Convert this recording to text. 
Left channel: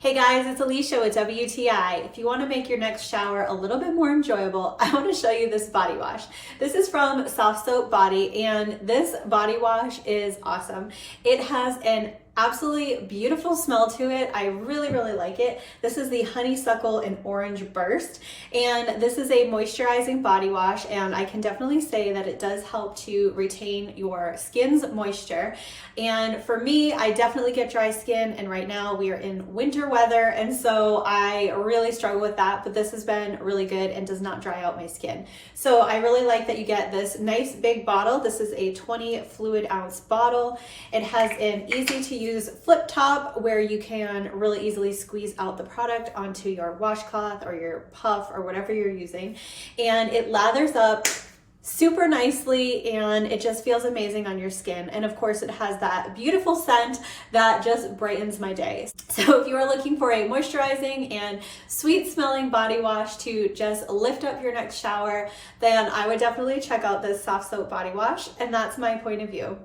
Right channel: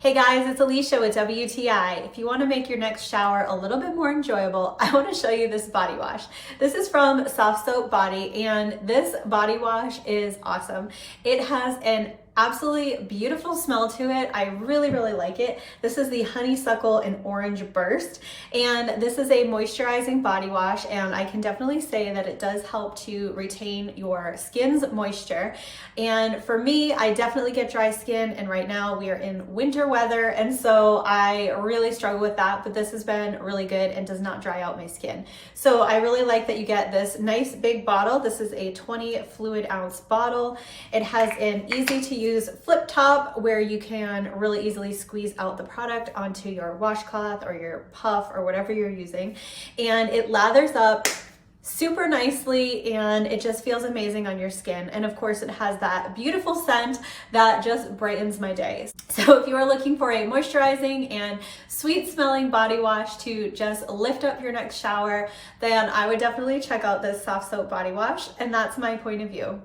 Hey guys, it's Alicia with WTI. If you want to make your next shower a little bit more enjoyable, I want to show you this body wash. This is from Softsoap Body, and this body wash is awesome. It has an absolutely beautiful smell to it. I really like it. This is the Honeysuckle and Orange Burst, and this is a moisturizing body wash, and I can definitely say that it does help to retain your skin's moisture. And for me, I definitely get dry skin, and right now we are in winter weather, and so I really struggle with that, but this has been really good and does not dry out my skin. So I really like that you get this nice big bottle. This is a 20 fluid ounce bottle. It has an easy to use flip top where you can really easily squeeze out the product onto your washcloth or your puff or whatever you're using, and it lathers up super nicely and it just feels amazing on your skin. And of course it has that beautiful scent that just brightens my day. So if you are looking for a moisturizing and sweet smelling body wash to just lift up your next shower, then I would definitely check out this Softsoap body wash, and that's my point of view.